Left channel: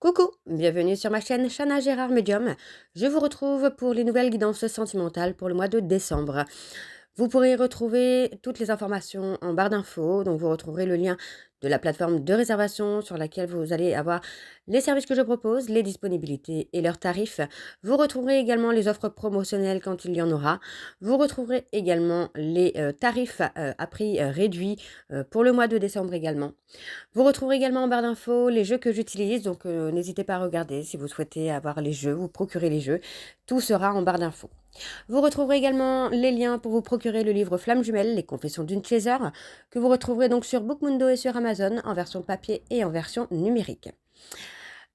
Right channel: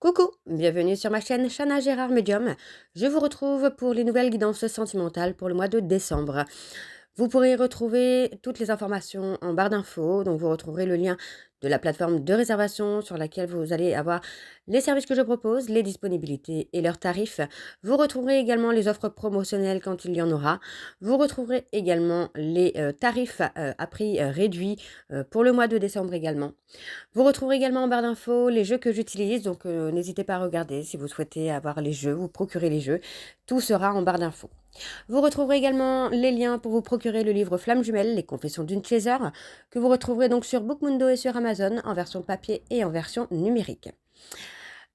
Coucou, bienvenue sur ma chaîne Chana Gérard Medium. Je vous retrouve pour les nouvelles guidances sentimentales pour le mois de décembre. Vous pourrez retrouver toutes les informations en barre d'infos, donc vous retrouverez le lien de la plateforme de réservation sur laquelle vous allez avoir les services que je propose, les disponibilités et leurs tarifs. Vous retrouverez également les offres promotionnelles quand il y en aura. Vous retrouverez également les tarifs à prix réduit pour le mois de décembre également. Vous retrouverez également en barre d'infos les jeux que j'utilise, donc n'hésitez pas à regarder si vous souhaitez avoir les jeux, vous procurer les jeux. Tout sera en barre d'infos. Vous retrouverez également les liens pour vous procurer le livre Flamme Jumelle, les confessions d'une chaser, que vous retrouverez donc sur Bookmundo et sur Amazon en version papier et en version numérique.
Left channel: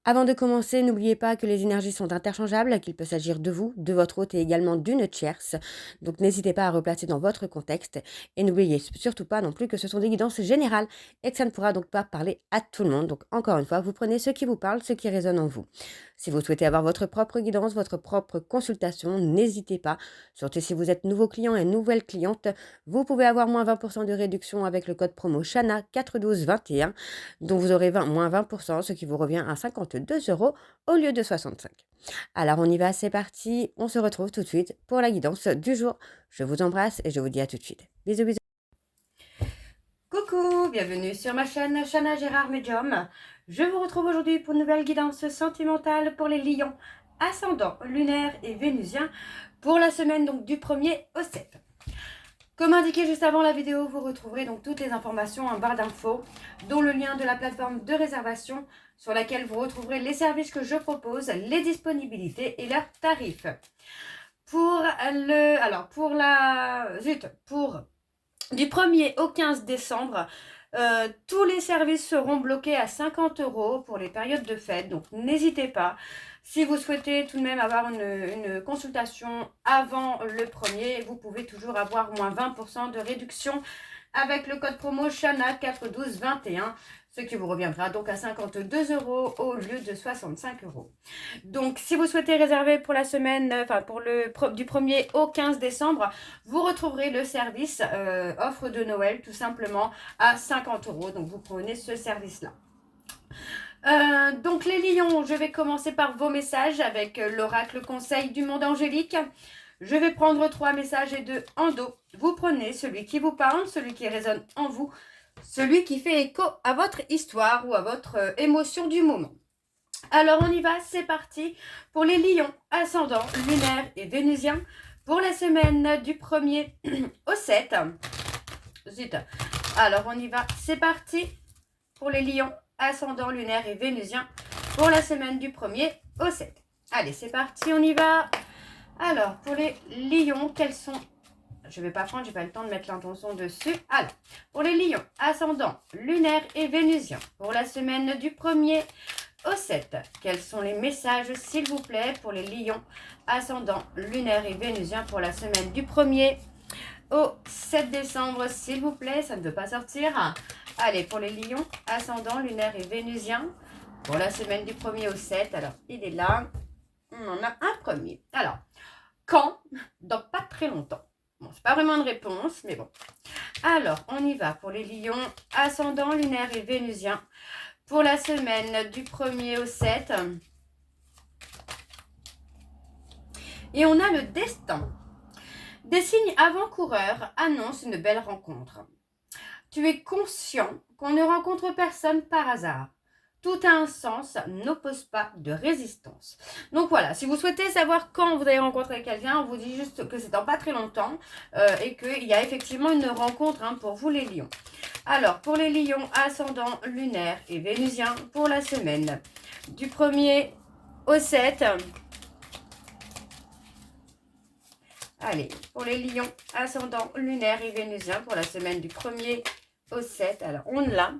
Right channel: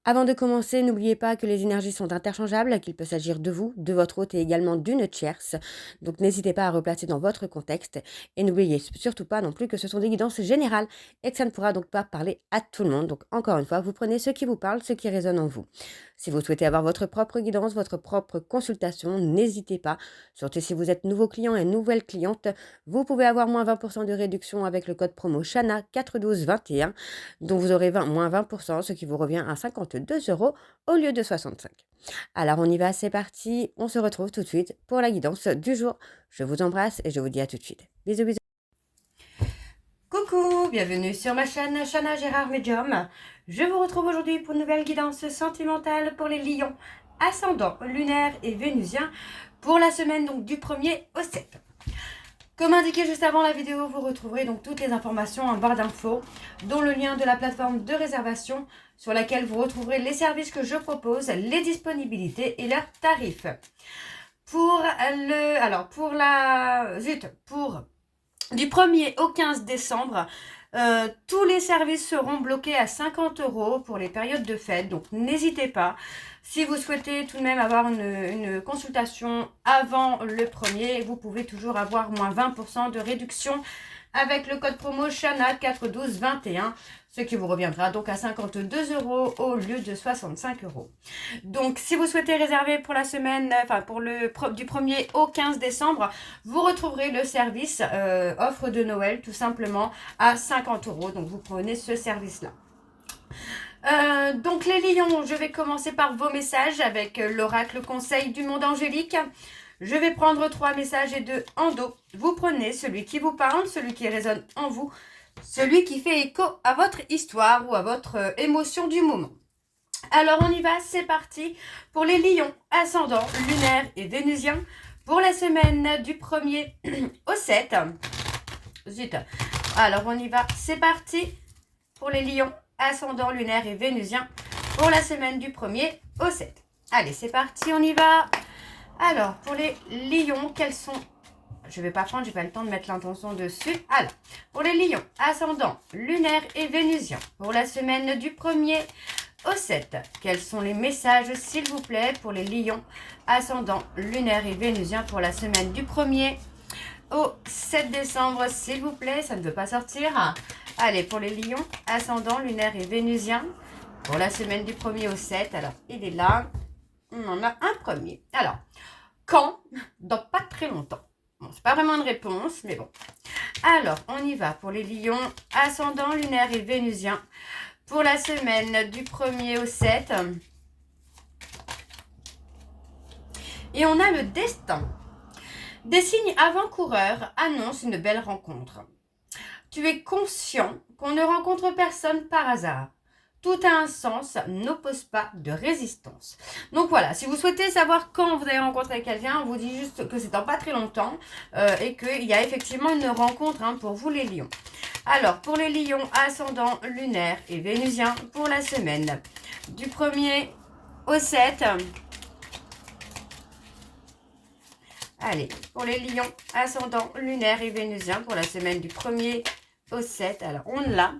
Avant de commencer, n'oubliez pas que les énergies sont interchangeables, qu'il peut s'agir de vous, de votre hôte et également d'une tierce. Donc n'hésitez pas à replacer dans votre contexte et n'oubliez surtout pas non plus que ce sont des guidances générales et que ça ne pourra donc pas parler à tout le monde. Donc encore une fois, vous prenez ce qui vous parle, ce qui résonne en vous. Si vous souhaitez avoir votre propre guidance, votre propre consultation, n'hésitez pas. Surtout si vous êtes nouveau client et nouvelle cliente, vous pouvez avoir moins 20% de réduction avec le code promo Chana 41221, dont vous aurez moins 20%, ce qui vous revient à 52 euros au lieu de 65. Alors on y va, c'est parti, on se retrouve tout de suite pour la guidance du jour. Je vous embrasse et je vous dis à tout de suite. Bisous bisous. Coucou, bienvenue sur ma chaîne Chana Gérard Medium. Je vous retrouve aujourd'hui pour une nouvelle guidance sentimentale pour les lions, ascendant, lunaire et vénusien pour la semaine donc du 1er au 7. Comme indiqué juste avant la vidéo, vous retrouverez donc toutes les informations en barre d'infos, dont le lien de la plateforme de réservation sur laquelle vous retrouverez les services que je propose, les disponibilités et leurs tarifs. Pour du 1er au 15 décembre, tous les services seront bloqués à 50 euros pour les périodes de fête. Donc n'hésitez pas. Si vous souhaitez tout de même avoir une consultation avant le 1er, vous pouvez toujours avoir moins 20% de réduction avec le code promo Chana 41221, ce qui vous reviendra donc à 52 euros au lieu de 65 euros. Donc si vous souhaitez réserver pour la semaine, du 1er au 15 décembre, vous retrouverez le service offre de Noël tout simplement à 50 euros. Donc vous prenez ce service-là. Donc les lions, je vais commencer par vos messages avec l'oracle conseil du monde angélique. Je vais prendre 3 messages et 2 en dos. Vous prenez celui qui vous parle, celui qui résonne en vous, celui qui fait écho à votre histoire ou à votre émotion du moment. Alors on y va, c'est parti pour les lions, ascendant, lunaire et vénusien pour la semaine du 1er au 7. Zut. Alors on y va, c'est parti pour les lions, ascendant, lunaire et vénusien pour la semaine du 1er au 7. Allez, c'est parti, on y va. Alors, pour les lions, quels sont... Je vais pas prendre, j'ai pas le temps de mettre l'intention dessus. Alors, pour les lions, ascendant, lunaire et vénusien pour la semaine du 1er au 7. Quels sont les messages, s'il vous plaît, pour les lions, ascendant, lunaire et vénusien pour la semaine du 1er au 7 décembre, s'il vous plaît. Ça ne veut pas sortir. Allez, pour les lions, ascendant, lunaire et vénusien pour la semaine du 1er au 7. Alors, il est là. On en a un premier. Alors, quand? Dans pas très longtemps. Bon, c'est pas vraiment une réponse, mais bon. Alors, on y va pour les lions, ascendant, lunaire et vénusien pour la semaine du 1er au 7. Et on a le destin. Des signes avant-coureurs annoncent une belle rencontre. Tu es conscient qu'on ne rencontre personne par hasard. Tout a un sens, n'oppose pas de résistance. Donc voilà, si vous souhaitez savoir quand vous allez rencontrer quelqu'un, on vous dit juste que c'est dans pas très longtemps et qu'il y a effectivement une rencontre pour vous les lions. Alors, pour les lions, ascendant, lunaire et vénusien pour la semaine du 1er au 7. Allez, pour les lions, ascendant, lunaire et vénusien pour la semaine du 1er au 7. Alors, on l'a.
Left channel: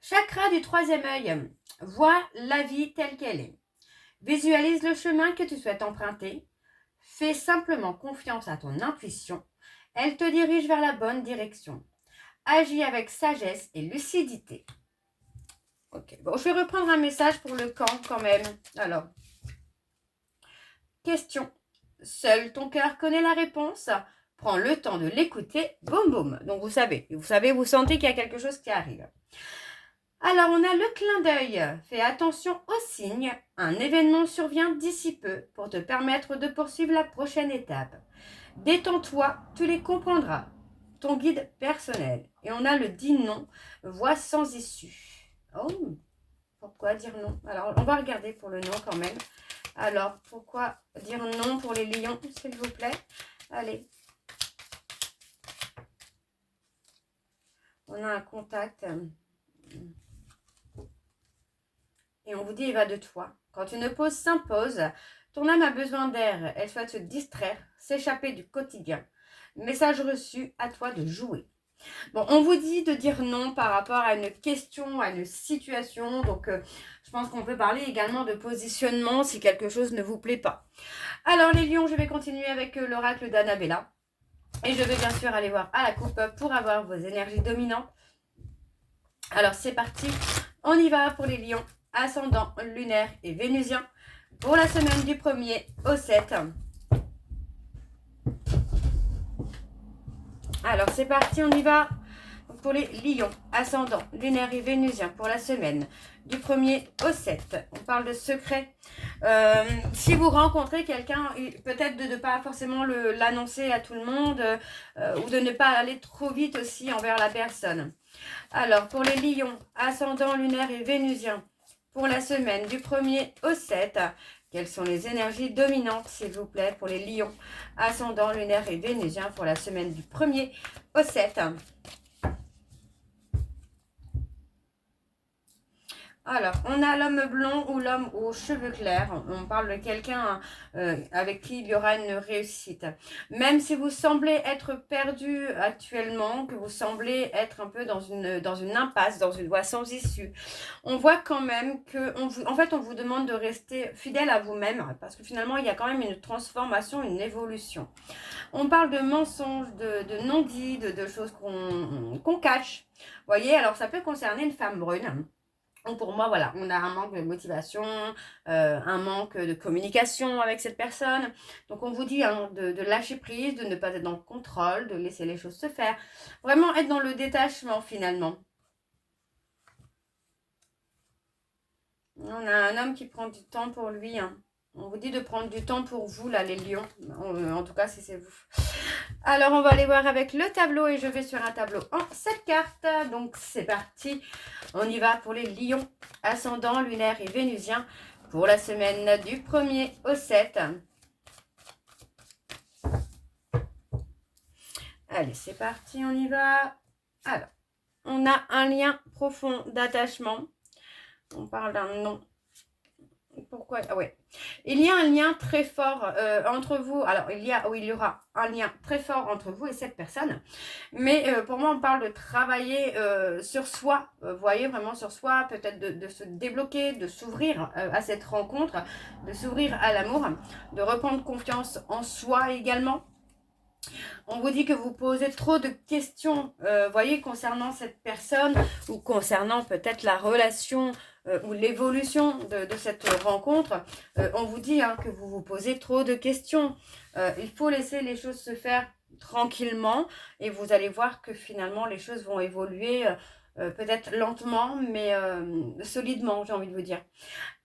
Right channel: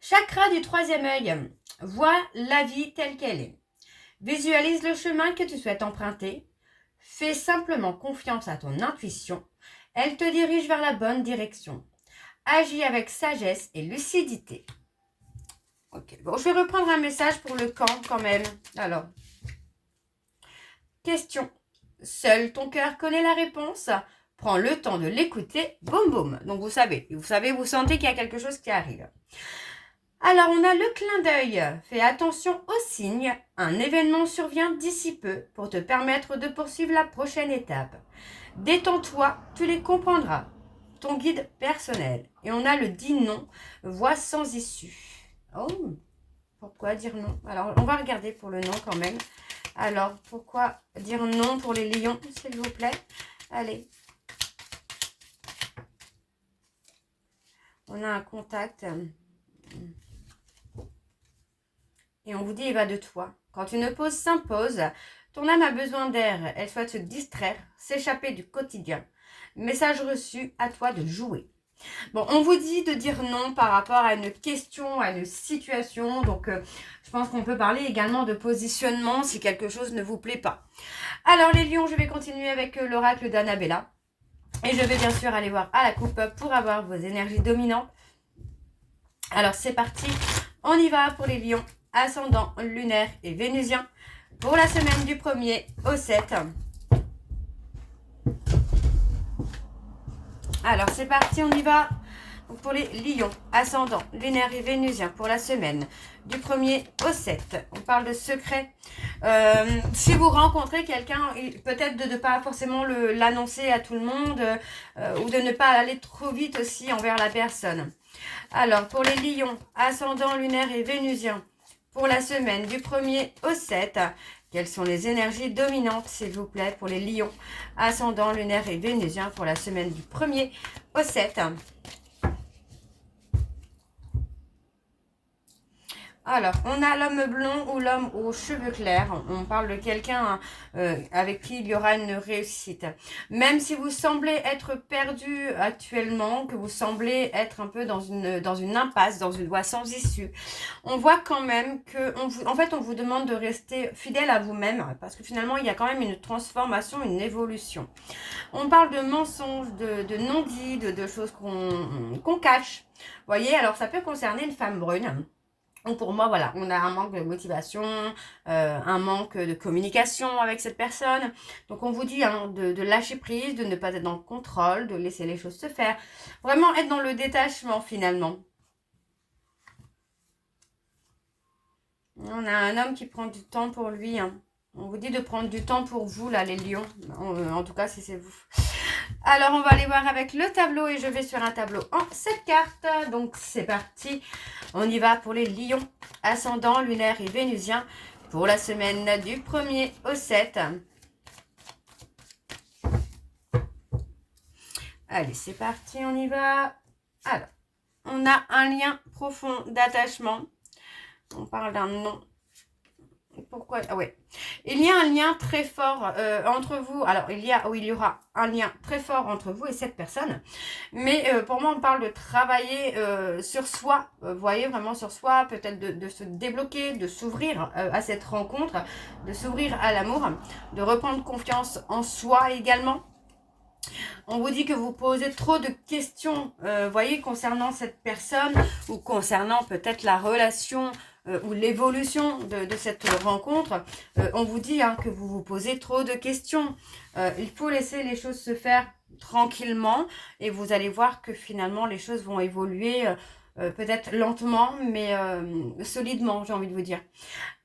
Chakra du 3e œil. Vois la vie telle qu'elle est. Visualise le chemin que tu souhaites emprunter. Fais simplement confiance à ton intuition. Elle te dirige vers la bonne direction. Agis avec sagesse et lucidité. Ok, bon, je vais reprendre un message pour le camp quand même. Alors, question. Seul ton cœur connaît la réponse. Prends le temps de l'écouter. Boum, boum. Donc, vous savez, vous sentez qu'il y a quelque chose qui arrive. Alors, on a le clin d'œil. Fais attention aux signes. Un événement survient d'ici peu pour te permettre de poursuivre la prochaine étape. Détends-toi, tu les comprendras. Ton guide personnel. Et on a le dit non, voix sans issue. Oh, pourquoi dire non? Alors, on va regarder pour le non quand même. Alors, pourquoi dire non pour les lions, s'il vous plaît? Allez. On a un contact. Et on vous dit, il va de toi. Quand une pause s'impose, ton âme a besoin d'air. Elle souhaite se distraire, s'échapper du quotidien. Message reçu, à toi de jouer. Bon, on vous dit de dire non par rapport à une question, à une situation. Donc, je pense qu'on peut parler également de positionnement si quelque chose ne vous plaît pas. Alors, les lions, je vais continuer avec l'oracle d'Annabella. Et je vais bien sûr aller voir à la coupe pour avoir vos énergies dominantes. Alors, c'est parti. On y va pour les lions, ascendant lunaire et vénusien, pour la semaine du 1er au 7. Alors, c'est parti, on y va. Donc, pour les lions, ascendant lunaire et vénusien, pour la semaine du 1er au 7. On parle de secret. Si vous rencontrez quelqu'un, peut-être de ne pas forcément l'annoncer à tout le monde ou de ne pas aller trop vite aussi envers la personne. Alors, pour les lions, ascendant lunaire et vénusien, pour la semaine du 1er au 7, quelles sont les énergies dominantes, s'il vous plaît, pour les lions, ascendant lunaire et vénusien, pour la semaine du 1er au 7? Alors, on a l'homme blond ou l'homme aux cheveux clairs. On parle de quelqu'un avec qui il y aura une réussite. Même si vous semblez être perdu actuellement, que vous semblez être un peu dans une impasse, dans une voie sans issue, on voit quand même que, en fait, on vous demande de rester fidèle à vous-même parce que finalement, il y a quand même une transformation, une évolution. On parle de mensonges, de non-dits, de choses qu'on cache. Vous voyez, alors ça peut concerner une femme brune. Donc pour moi, voilà, on a un manque de motivation, un manque de communication avec cette personne. Donc on vous dit hein, de lâcher prise, de ne pas être dans le contrôle, de laisser les choses se faire. Vraiment être dans le détachement finalement. On a un homme qui prend du temps pour lui. Hein. On vous dit de prendre du temps pour vous, là, les lions. En tout cas, si c'est vous. Alors, on va aller voir avec le tableau et je vais sur un tableau en 7 cartes. Donc, c'est parti. On y va pour les lions, ascendant, lunaire et vénusien pour la semaine du 1er au 7. Allez, c'est parti, on y va. Alors, on a un lien profond d'attachement. On parle d'un nom. Pourquoi? Ah ouais. Il y a un lien très fort entre vous. Alors, il y aura un lien très fort entre vous et cette personne. Mais pour moi, on parle de travailler sur soi. Vous voyez, vraiment sur soi. Peut-être de se débloquer, de s'ouvrir à cette rencontre, de s'ouvrir à l'amour, de reprendre confiance en soi également. On vous dit que vous posez trop de questions, voyez, concernant cette personne ou concernant peut-être la relation ou l'évolution de cette rencontre. On vous dit hein, que vous vous posez trop de questions. Il faut laisser les choses se faire tranquillement et vous allez voir que finalement les choses vont évoluer peut-être lentement mais solidement, j'ai envie de vous dire.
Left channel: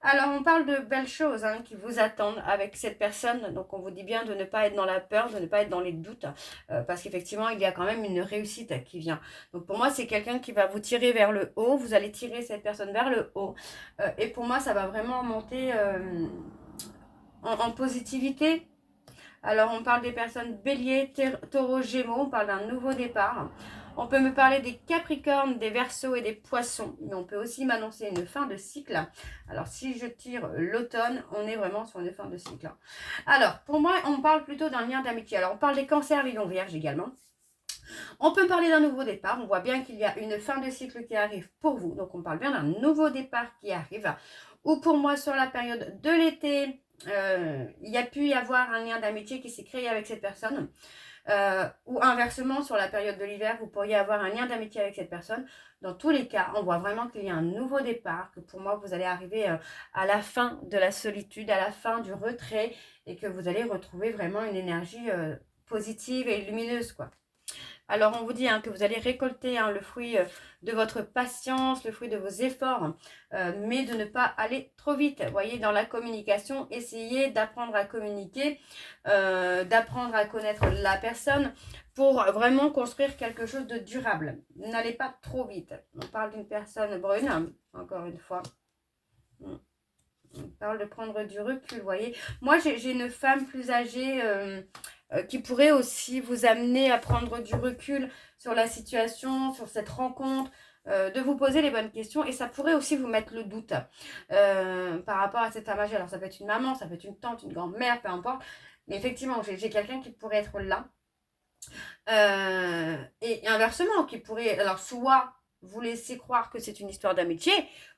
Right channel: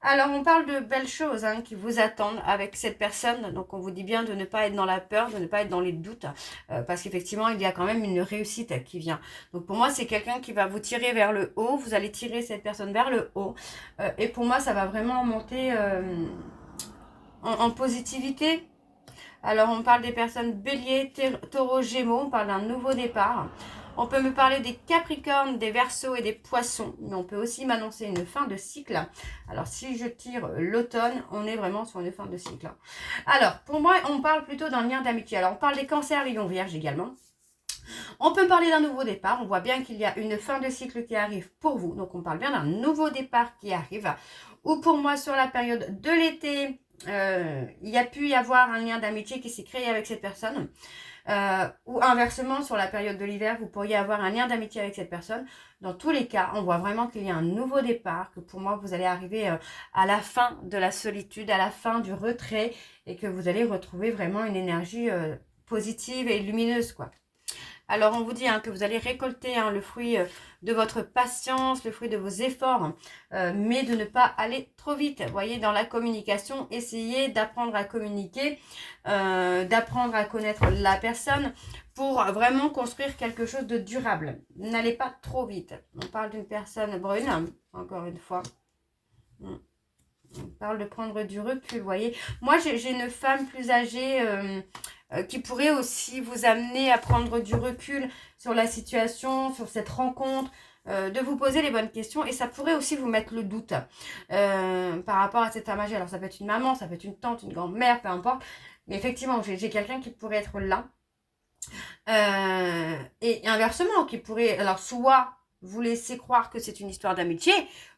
Alors, on parle de belles choses hein, qui vous attendent avec cette personne. Donc, on vous dit bien de ne pas être dans la peur, de ne pas être dans les doutes. Parce qu'effectivement, il y a quand même une réussite qui vient. Donc, pour moi, c'est quelqu'un qui va vous tirer vers le haut. Vous allez tirer cette personne vers le haut. Et pour moi, ça va vraiment monter en positivité. Alors, on parle des personnes bélier, taureau, gémeaux. On parle d'un nouveau départ. On peut me parler des capricornes, des verseaux et des poissons. Mais on peut aussi m'annoncer une fin de cycle. Alors, si je tire l'automne, on est vraiment sur une fin de cycle. Alors, pour moi, on parle plutôt d'un lien d'amitié. Alors, on parle des cancers, les lions vierges également. On peut parler d'un nouveau départ. On voit bien qu'il y a une fin de cycle qui arrive pour vous. Donc, on parle bien d'un nouveau départ qui arrive. Ou pour moi, sur la période de l'été, il y a pu y avoir un lien d'amitié qui s'est créé avec cette personne. Ou inversement, sur la période de l'hiver, vous pourriez avoir un lien d'amitié avec cette personne. Dans tous les cas, on voit vraiment qu'il y a un nouveau départ, que pour moi, vous allez arriver à la fin de la solitude, à la fin du retrait, et que vous allez retrouver vraiment une énergie positive et lumineuse, quoi. Alors, on vous dit que vous allez récolter le fruit de votre patience, le fruit de vos efforts, mais de ne pas aller trop vite. Vous voyez, dans la communication, essayez d'apprendre à communiquer, d'apprendre à connaître la personne pour vraiment construire quelque chose de durable. N'allez pas trop vite. On parle d'une personne brune, encore une fois. On parle de prendre du recul, vous voyez. Moi, j'ai une femme plus âgée qui pourrait aussi vous amener à prendre du recul sur la situation, sur cette rencontre, de vous poser les bonnes questions. Et ça pourrait aussi vous mettre le doute par rapport à cette femme âgée. Alors, ça peut être une maman, ça peut être une tante, une grand-mère, peu importe. Mais effectivement, j'ai quelqu'un qui pourrait être là. Et inversement, qui pourrait, alors soit vous laisser croire que c'est une histoire d'amitié,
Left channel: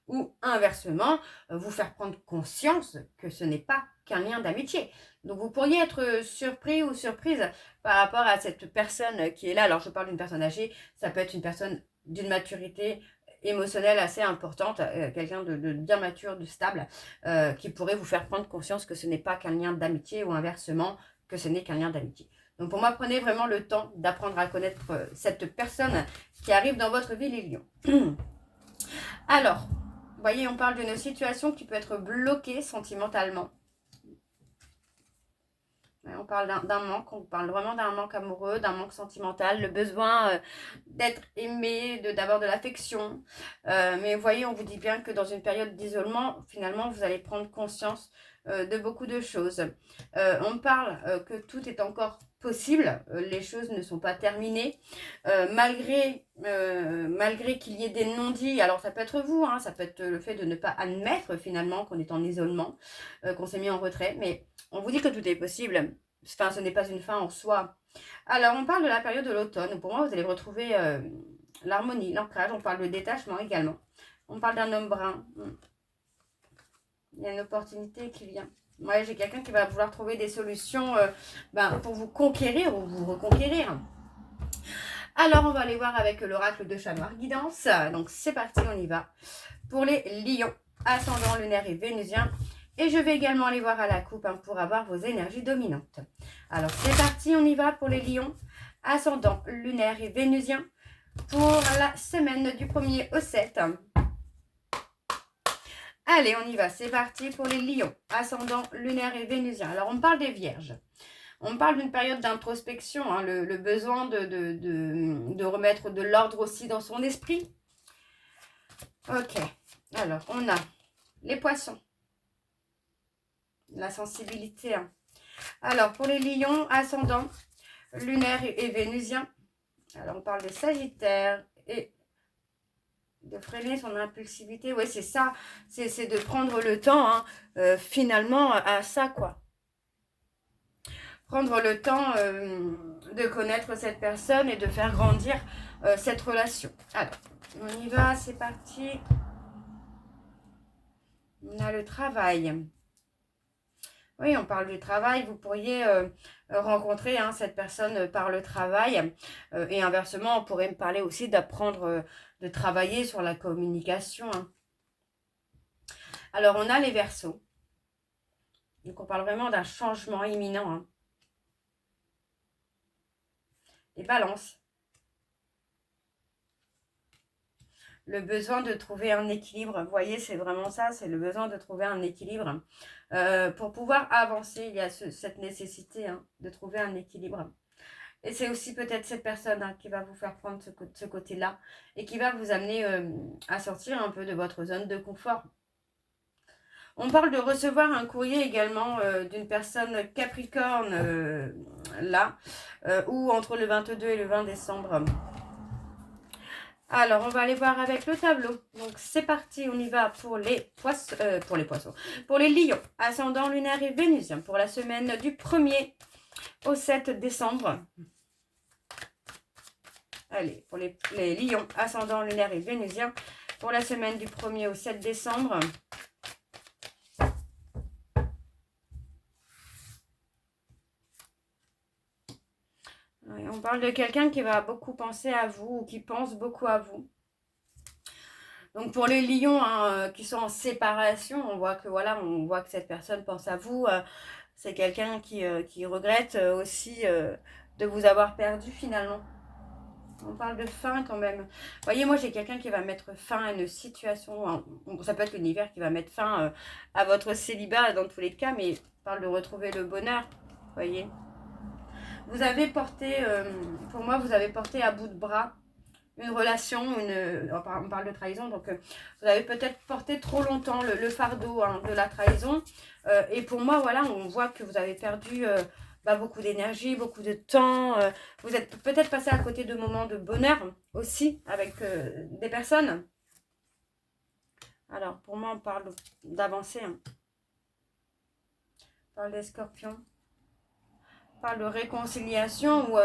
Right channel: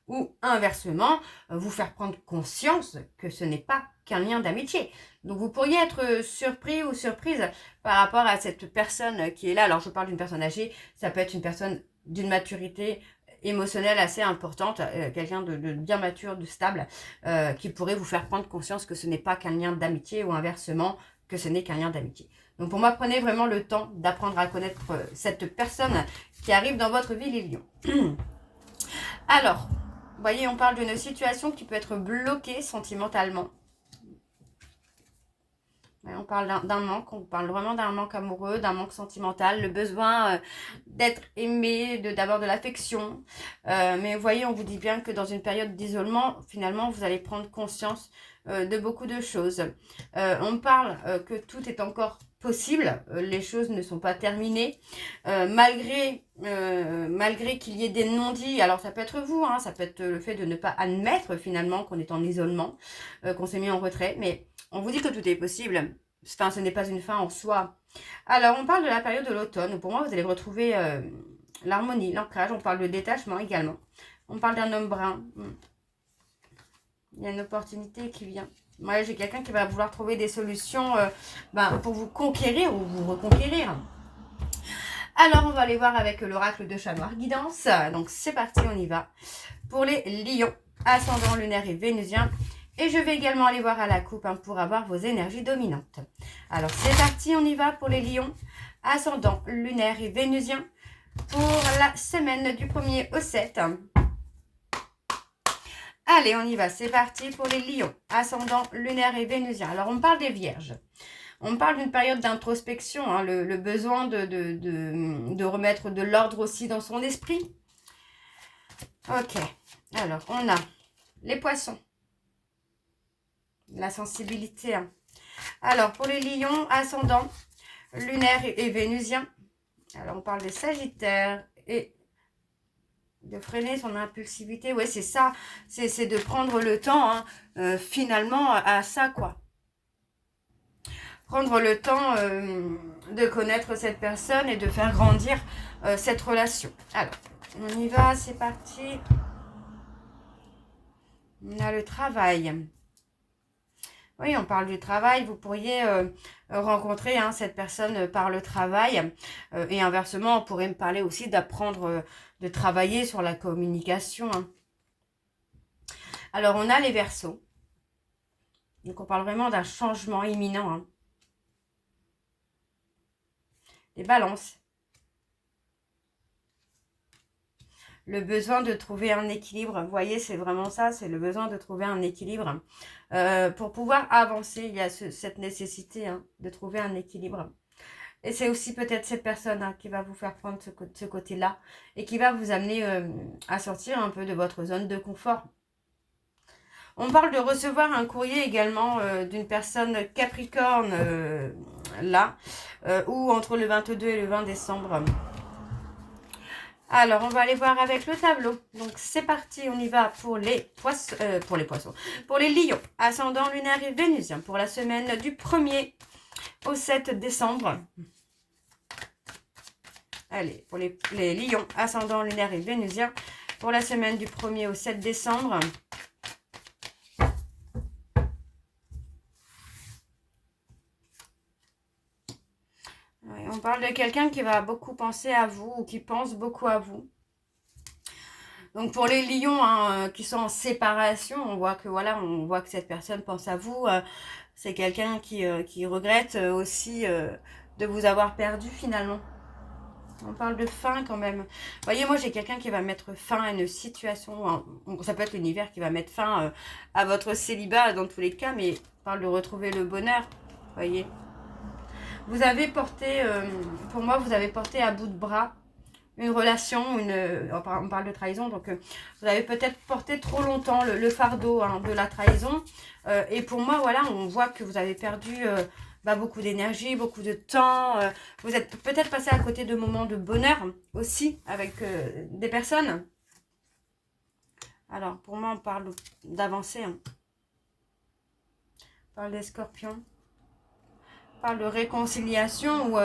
ou inversement, vous faire prendre conscience que ce n'est pas qu'un lien d'amitié. Donc vous pourriez être surpris ou surprise par rapport à cette personne qui est là. Alors je parle d'une personne âgée, ça peut être une personne d'une maturité émotionnelle assez importante, quelqu'un de bien mature, de stable, qui pourrait vous faire prendre conscience que ce n'est pas qu'un lien d'amitié, ou inversement, que ce n'est qu'un lien d'amitié. Donc pour moi, prenez vraiment le temps d'apprendre à connaître cette personne qui arrive dans votre vie, les lions. Alors, vous voyez, on parle d'une situation qui peut être bloquée sentimentalement. On parle d'un manque, on parle vraiment d'un manque amoureux, d'un manque sentimental, le besoin d'être aimé, d'avoir de l'affection. Mais vous voyez, on vous dit bien que dans une période d'isolement, finalement, vous allez prendre conscience de beaucoup de choses. On parle que tout est encore possible, les choses ne sont pas terminées, malgré qu'il y ait des non-dits. Alors ça peut être vous, ça peut être le fait de ne pas admettre finalement qu'on est en isolement, qu'on s'est mis en retrait, mais on vous dit que tout est possible. Enfin, ce n'est pas une fin en soi. Alors, on parle de la période de l'automne. Pour moi, vous allez retrouver l'harmonie, l'ancrage. On parle de détachement également. On parle d'un homme brun. Il y a une opportunité qui vient. Moi, j'ai quelqu'un qui va vouloir trouver des solutions pour vous conquérir ou vous reconquérir. Alors, on va aller voir avec l'oracle de Chat Noir Guidance. Donc, c'est parti, on y va. Pour les lions, ascendant lunaire et vénusien. Et je vais également aller voir à la coupe pour avoir vos énergies dominantes. Alors, c'est parti, on y va pour les lions, ascendant lunaire et vénusien. Pour la semaine du 1er au 7. Allez, on y va, c'est parti pour les lions, ascendant lunaire et vénusien. Alors, on parle des vierges. On parle d'une période d'introspection, le besoin de remettre de l'ordre aussi dans son esprit. Ok, alors on a les poissons, la sensibilité. Alors, pour les lions, ascendant lunaire et vénusien. Alors, on parle des sagittaires et de freiner son impulsivité. Ouais, c'est ça, c'est de prendre le temps, finalement, à ça, quoi. Prendre le temps de connaître cette personne et de faire grandir cette relation. Alors, on y va, c'est parti. On a le travail. Oui, on parle du travail. Vous pourriez rencontrer cette personne par le travail. Et inversement, on pourrait me parler aussi d'apprendre, de travailler sur la communication. Alors, on a les Verseaux. Donc, on parle vraiment d'un changement imminent. Les Balances. Le besoin de trouver un équilibre. Vous voyez, c'est vraiment ça, c'est le besoin de trouver un équilibre. Pour pouvoir avancer, il y a cette nécessité de trouver un équilibre. Et c'est aussi peut-être cette personne qui va vous faire prendre ce côté-là et qui va vous amener à sortir un peu de votre zone de confort. On parle de recevoir un courrier également d'une personne Capricorne, ou entre le 22 et le 20 décembre. Alors, on va aller voir avec le tableau. Donc, c'est parti, on y va pour les poissons. Pour les lions, ascendant lunaire et vénusien, pour la semaine du 1er au 7 décembre. Allez, pour les lions, ascendant lunaire et vénusien, pour la semaine du 1er au 7 décembre. On parle de quelqu'un qui va beaucoup penser à vous ou qui pense beaucoup à vous. Donc pour les lions qui sont en séparation, on voit que cette personne pense à vous. C'est quelqu'un qui regrette aussi de vous avoir perdu finalement. On parle de fin quand même. Vous voyez, moi j'ai quelqu'un qui va mettre fin à une situation. Ça peut être l'univers qui va mettre fin à votre célibat dans tous les cas, mais on parle de retrouver le bonheur. Vous voyez. Vous avez porté, pour moi, vous avez porté à bout de bras une relation, on parle de trahison, donc vous avez peut-être porté trop longtemps le fardeau de la trahison. Et pour moi, voilà, on voit que vous avez perdu beaucoup d'énergie, beaucoup de temps. Vous êtes peut-être passé à côté de moments de bonheur aussi avec des personnes. Alors, pour moi, on parle d'avancer. On parle des scorpions. De réconciliation ou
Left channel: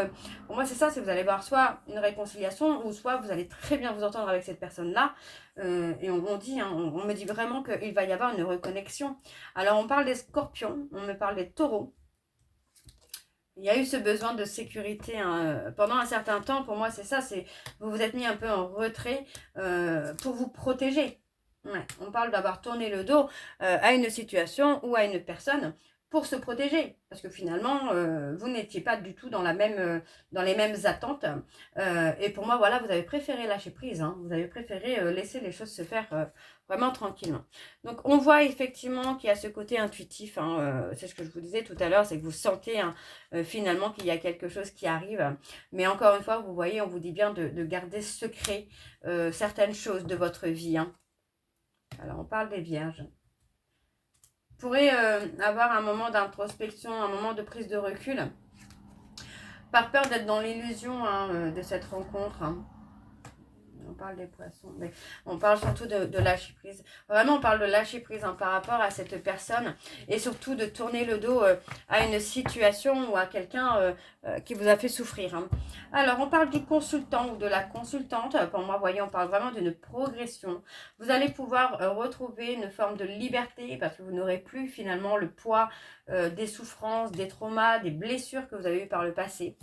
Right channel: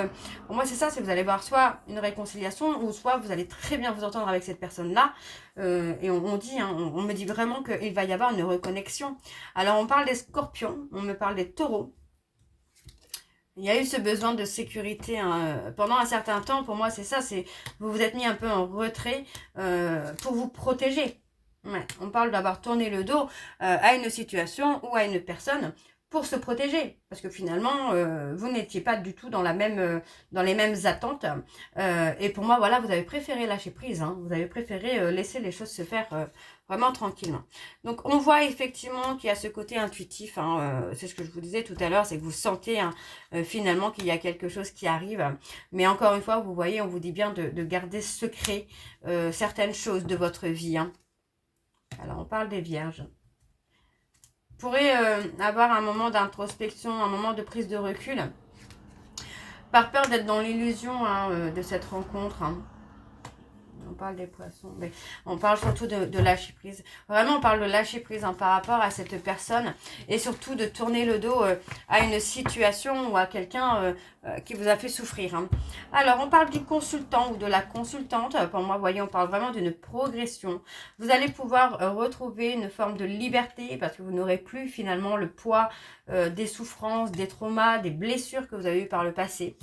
pour moi c'est ça, c'est que vous allez voir soit une réconciliation ou soit vous allez très bien vous entendre avec cette personne là et on dit on me dit vraiment qu'il va y avoir une reconnexion. Alors on parle des scorpions, on me parle des taureaux. Il y a eu ce besoin de sécurité pendant un certain temps. Pour moi c'est ça, c'est vous vous êtes mis un peu en retrait pour vous protéger. Ouais, on parle d'avoir tourné le dos à une situation ou à une personne pour se protéger. Parce que finalement, vous n'étiez pas du tout dans les mêmes attentes. Et pour moi, voilà, vous avez préféré lâcher prise. Vous avez préféré laisser les choses se faire vraiment tranquillement. Donc, on voit effectivement qu'il y a ce côté intuitif. C'est ce que je vous disais tout à l'heure, c'est que vous sentez finalement qu'il y a quelque chose qui arrive. Mais encore une fois, vous voyez, on vous dit bien de garder secret certaines choses de votre vie. Alors, on parle des vierges. Vous pourrez avoir un moment d'introspection, un moment de prise de recul, par peur d'être dans l'illusion de cette rencontre. On parle des poissons, mais on parle surtout de lâcher prise. Vraiment, on parle de lâcher prise par rapport à cette personne et surtout de tourner le dos à une situation ou à quelqu'un qui vous a fait souffrir. Alors, on parle du consultant ou de la consultante. Pour moi, vous voyez, on parle vraiment d'une progression. Vous allez pouvoir retrouver une forme de liberté parce que vous n'aurez plus finalement le poids des souffrances, des traumas, des blessures que vous avez eues par le passé.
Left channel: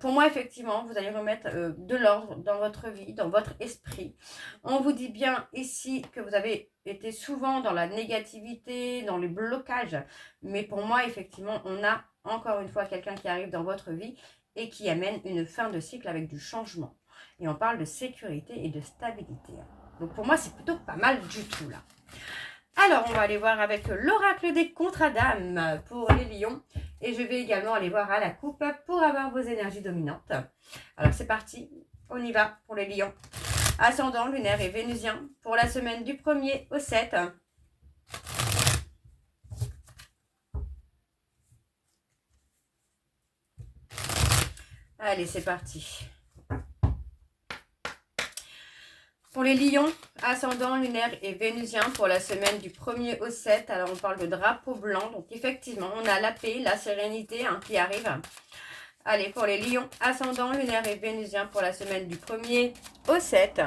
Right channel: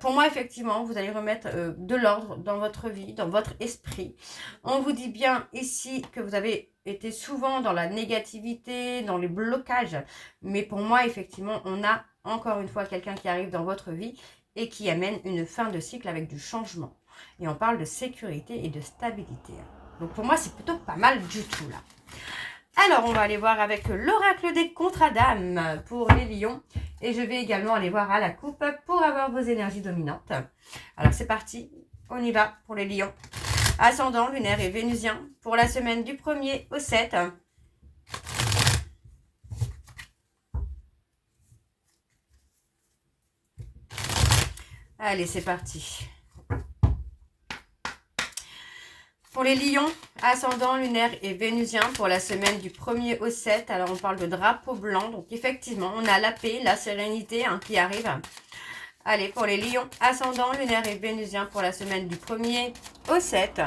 Pour moi, effectivement, vous allez remettre de l'ordre dans votre vie, dans votre esprit. On vous dit bien ici que vous avez été souvent dans la négativité, dans les blocages. Mais pour moi, effectivement, on a encore une fois quelqu'un qui arrive dans votre vie et qui amène une fin de cycle avec du changement. Et on parle de sécurité et de stabilité. Donc pour moi, c'est plutôt pas mal du tout là. Alors, on va aller voir avec l'oracle des contrats d'âme pour les lions. Et je vais également aller voir à la coupe pour avoir vos énergies dominantes. Alors, c'est parti. On y va pour les lions. Ascendant, lunaire et vénusien pour la semaine du 1er au 7. Allez, c'est parti. Pour les lions, ascendant, lunaire et vénusien pour la semaine du 1er au 7. Alors, on parle de drapeau blanc. Donc, effectivement, on a la paix, la sérénité qui arrive. Allez, pour les lions, ascendant, lunaire et vénusien pour la semaine du 1er au 7.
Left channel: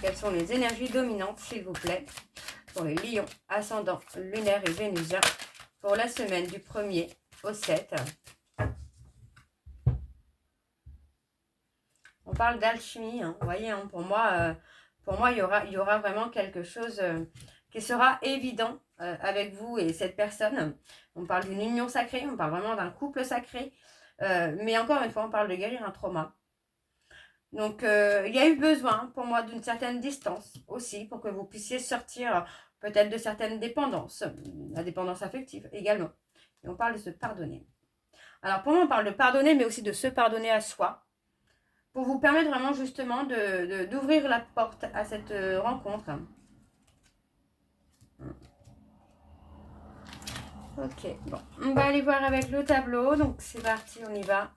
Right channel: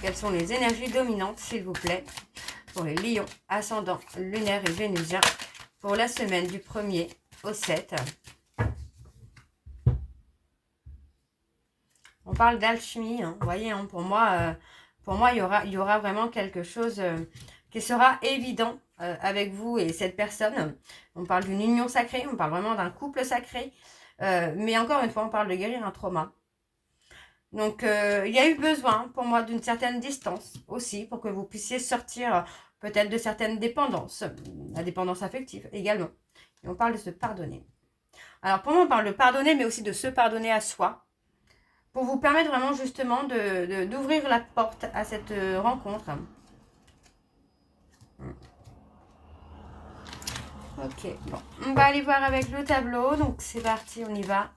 Quelles sont les énergies dominantes, s'il vous plaît, pour les lions, ascendant, lunaire et vénusien pour la semaine du 1er au 7. On parle d'alchimie. Vous voyez, pour moi, il y aura vraiment quelque chose qui sera évident avec vous et cette personne. On parle d'une union sacrée, on parle vraiment d'un couple sacré. Mais encore une fois, on parle de guérir un trauma. Donc, il y a eu besoin pour moi d'une certaine distance aussi pour que vous puissiez sortir peut-être de certaines dépendances, la dépendance affective également. Et on parle de se pardonner. Alors, pour moi, on parle de pardonner, mais aussi de se pardonner à soi pour vous permettre vraiment justement d'ouvrir la porte à cette rencontre. Ok, bon, on va aller voir avec le tableau. Donc, c'est parti, on y va.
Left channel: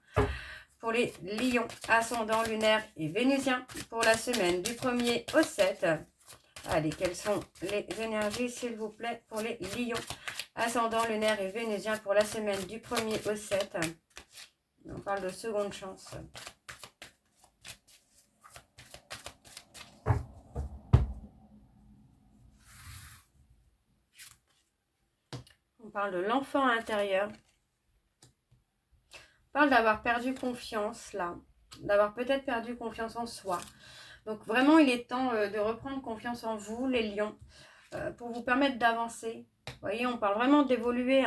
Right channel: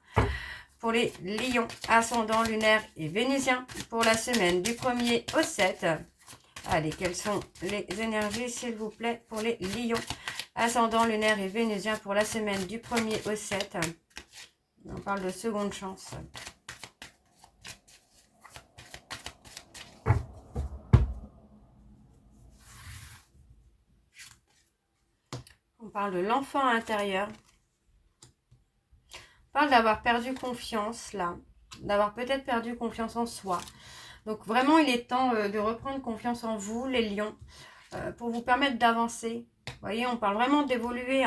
Pour les lions, ascendant, lunaire et vénusien pour la semaine du 1er au 7. Allez, quelles sont les énergies, s'il vous plaît, pour les lions, ascendant, lunaire et vénusien pour la semaine du 1er au 7. On parle de seconde chance. On parle de l'enfant intérieur. On parle d'avoir perdu confiance, là. D'avoir peut-être perdu confiance en soi. Donc, vraiment, il est temps de reprendre confiance en vous, les lions, pour vous permettre d'avancer. Vous voyez, on parle vraiment d'évoluer.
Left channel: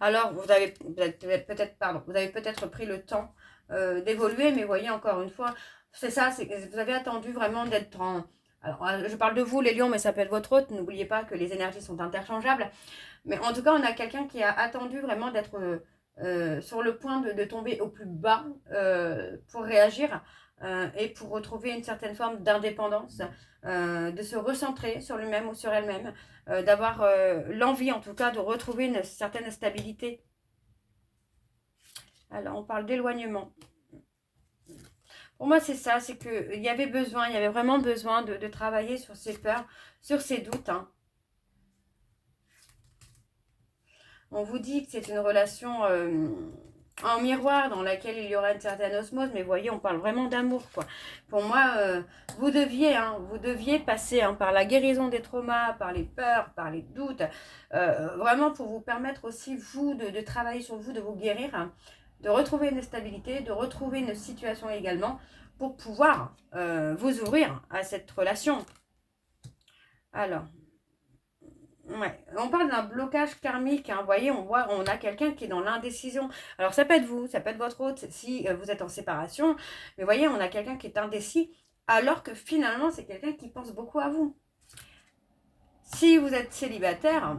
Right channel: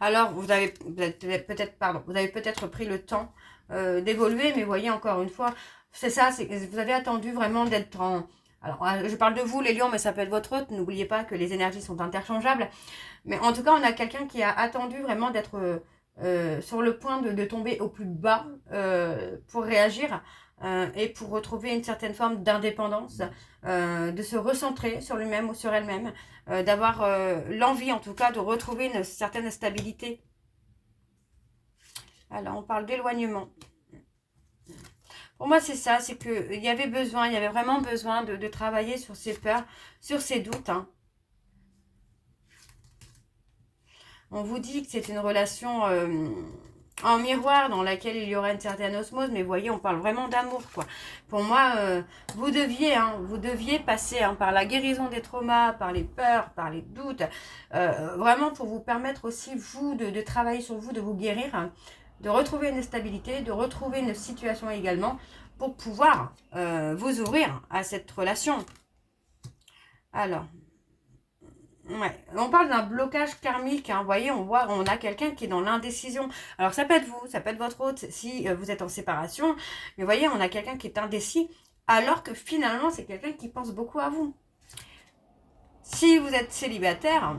Alors, vous avez peut-être pris le temps d'évoluer, mais voyez, encore une fois, c'est ça, c'est que vous avez attendu vraiment d'être en... Alors, je parle de vous, les lions, mais ça peut être votre autre. N'oubliez pas que les énergies sont interchangeables. Mais en tout cas, on a quelqu'un qui a attendu vraiment d'être sur le point de tomber au plus bas pour réagir et pour retrouver une certaine forme d'indépendance, de se recentrer sur lui-même ou sur elle-même, d'avoir l'envie en tout cas de retrouver une certaine stabilité. Alors, on parle d'éloignement. Pour moi, c'est ça, c'est qu'il y avait besoin, il y avait vraiment besoin de travailler sur ses peurs, sur ses doutes. Hein. On vous dit que c'est une relation en miroir dans laquelle il y aura une certaine osmose, mais vous voyez, on parle vraiment d'amour, quoi. Pour moi, vous deviez passer par la guérison des traumas, par les peurs, par les doutes, vraiment pour vous permettre aussi, vous, de travailler sur vous, de vous guérir, hein, de retrouver une stabilité, de retrouver une situation également, pour pouvoir vous ouvrir à cette relation. Alors... Ouais. On parle d'un blocage karmique, hein. Vous voyez, on a quelqu'un qui est dans l'indécision. Alors ça peut être vous, ça peut être votre autre si vous êtes en séparation. Mais vous voyez, on a quelqu'un qui est indécis, alors que finalement, c'est quelqu'un qui pense beaucoup à vous. Si vous êtes célibataire,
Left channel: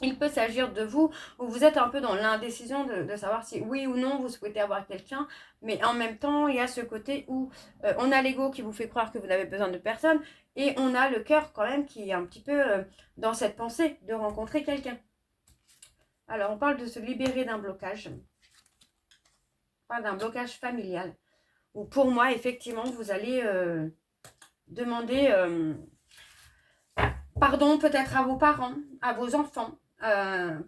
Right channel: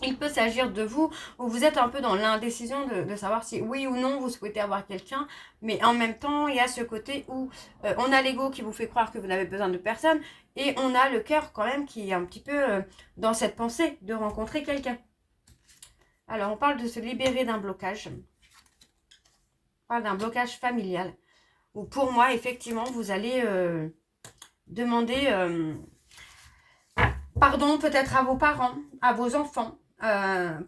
il peut s'agir de vous, où vous êtes un peu dans l'indécision de savoir si oui ou non vous souhaitez avoir quelqu'un, mais en même temps, il y a ce côté où on a l'ego qui vous fait croire que vous n'avez besoin de personne, et on a le cœur quand même qui est un petit peu dans cette pensée de rencontrer quelqu'un. Alors, on parle de se libérer d'un blocage. On parle d'un blocage familial, où pour moi, effectivement, vous allez demander pardon peut-être à vos parents, à vos enfants,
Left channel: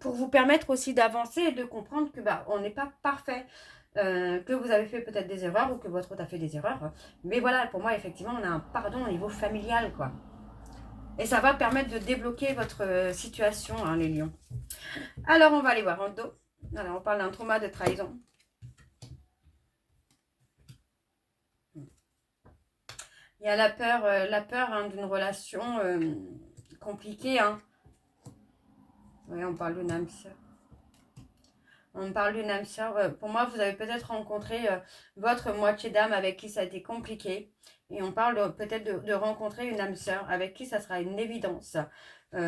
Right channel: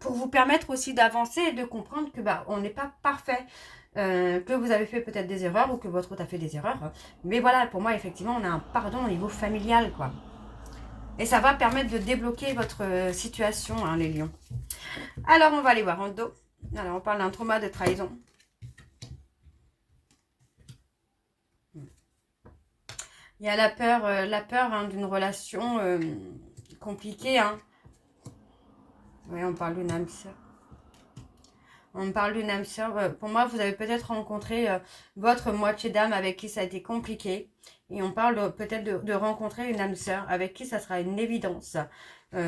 pour vous permettre aussi d'avancer et de comprendre que on n'est pas parfait, que vous avez fait peut-être des erreurs ou que votre autre a fait des erreurs. Mais voilà, pour moi, effectivement, on a un pardon au niveau familial, quoi. Et ça va permettre de débloquer votre situation, hein, les lions. Alors, on va aller voir en dos. Alors, on parle d'un trauma de trahison. Il y a la peur hein, d'une relation compliquée, hein. Oui, on parle d'une âme sœur. On parle d'une âme sœur. Pour moi, vous avez peut-être rencontré votre moitié d'âme avec qui ça a été compliqué. Et on parle peut-être de rencontrer une âme sœur avec qui ça sera une évidence.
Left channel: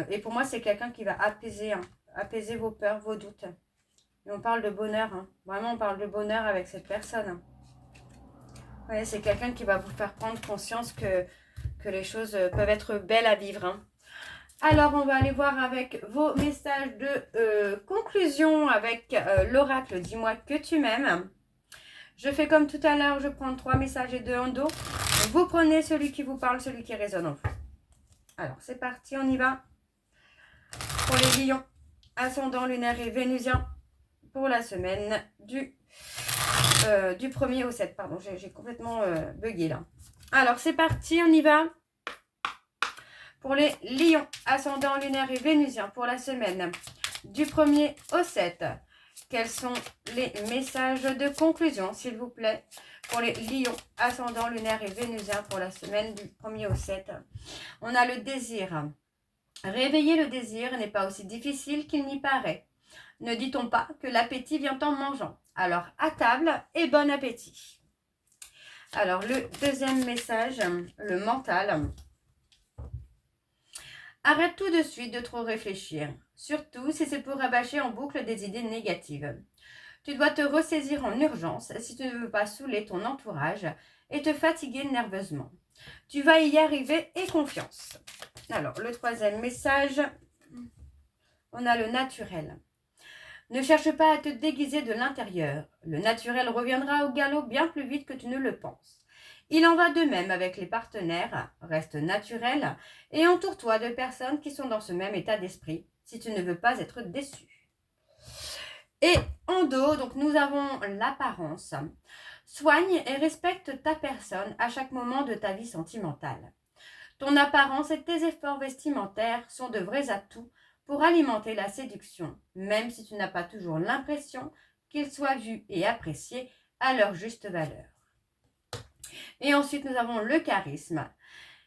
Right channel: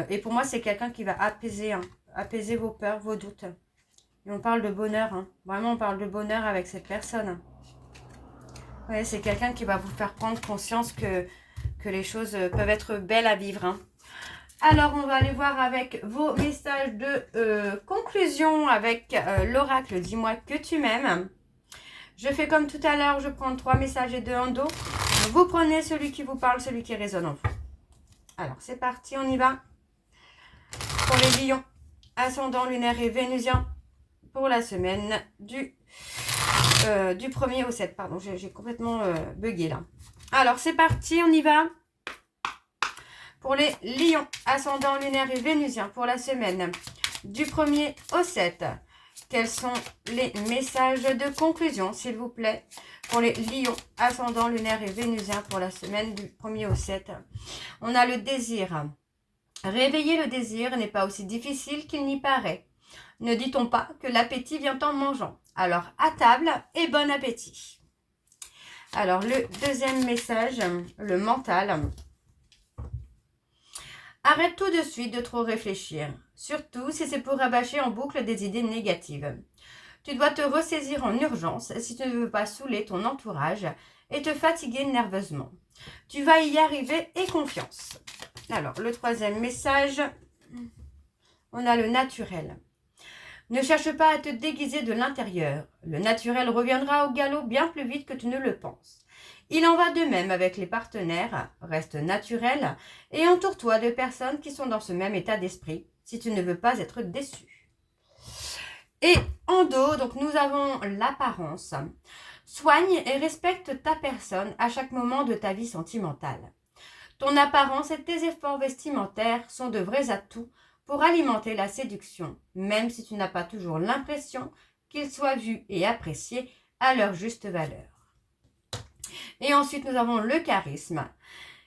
Et pour moi, c'est quelqu'un qui va apaiser vos peurs, vos doutes. Et on parle de bonheur. Hein. Vraiment, on parle de bonheur avec cette personne. Ouais, c'est quelqu'un qui va vous faire prendre conscience que les choses peuvent être belles à vivre. Hein. Alors, on va aller voir avec vos messages de conclusion avec l'oracle. Dis-moi que tu m'aimes. Je fais comme tout à l'heure, je prends 3 messages et 2 en dos. Vous prenez celui qui vous parle, celui qui résonne en vous. Alors, c'est parti, on y va. Pour les lions, ascendant lunaire et vénusien, pour la semaine du 1er au 7. Pardon, j'ai complètement bugué là. Alors, c'est parti, on y va. Pour les lions, ascendant lunaire et vénusien pour la semaine du 1er au 7. Quels sont les messages de conclusion, s'il vous plaît, pour les lions, ascendant lunaire et vénusien pour la semaine du 1er au 7. On a le désir. Réveiller le désir n'est pas aussi difficile qu'il n'y paraît. Ne dit-on pas que l'appétit vient en mangeant? Alors, à table et bon appétit. Alors, le deuxième message, le mental. Arrête tout de suite de trop réfléchir, surtout si c'est pour rabâcher en boucle des idées négatives. Tu dois te ressaisir en urgence si tu ne veux pas saouler ton entourage et te fatiguer nerveusement. Tu vas y arriver et confiance. Alors, le troisième message, on a le naturel. Ne cherche pas à te déguiser de l'intérieur. Le naturel reviendra au galop bien plus vite que tu ne le penses. Il en va de même avec les partenaires. Reste naturel et entoure-toi de personnes qui sont dans ce même état d'esprit si tu ne veux pas être déçu. Et en dos, donc nous avons l'apparence. Soigne et respecte ta personne à chaque moment de ta vie sentimentale. Ton apparence et tes efforts vestimentaires sont de vrais atouts pour alimenter la séduction, même si tu n'as pas toujours l'impression qu'ils soient vus et appréciés à leur juste valeur. Et ensuite, nous avons le charisme.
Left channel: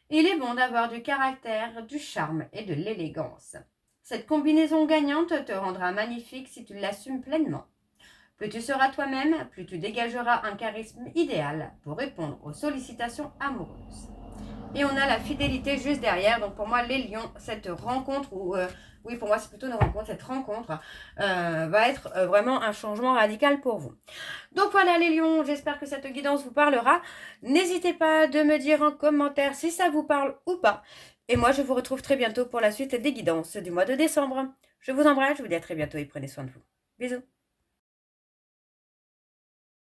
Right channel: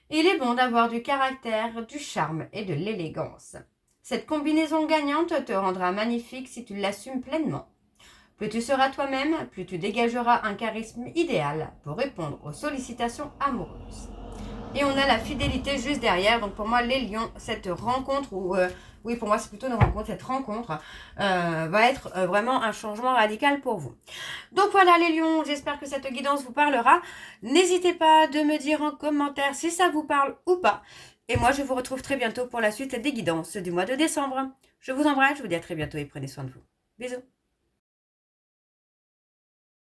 Il est bon d'avoir du caractère, du charme et de l'élégance. Cette combinaison gagnante te rendra magnifique si tu l'assumes pleinement. Plus tu seras toi-même, plus tu dégageras un charisme idéal pour répondre aux sollicitations amoureuses. Et on a la fidélité juste derrière. Donc pour moi, les lions, cette rencontre, oui, pour moi, c'est plutôt une rencontre, cette rencontre va être vraiment un changement radical pour vous. Donc voilà les lions, j'espère que cette guidance vous parlera. N'hésitez pas de me dire en commentaire si ça vous parle ou pas. Et moi, je vous retrouve très bientôt pour la suite des guidances du mois de décembre. Je vous embrasse, je vous dis à très bientôt et prenez soin de vous. Bisous.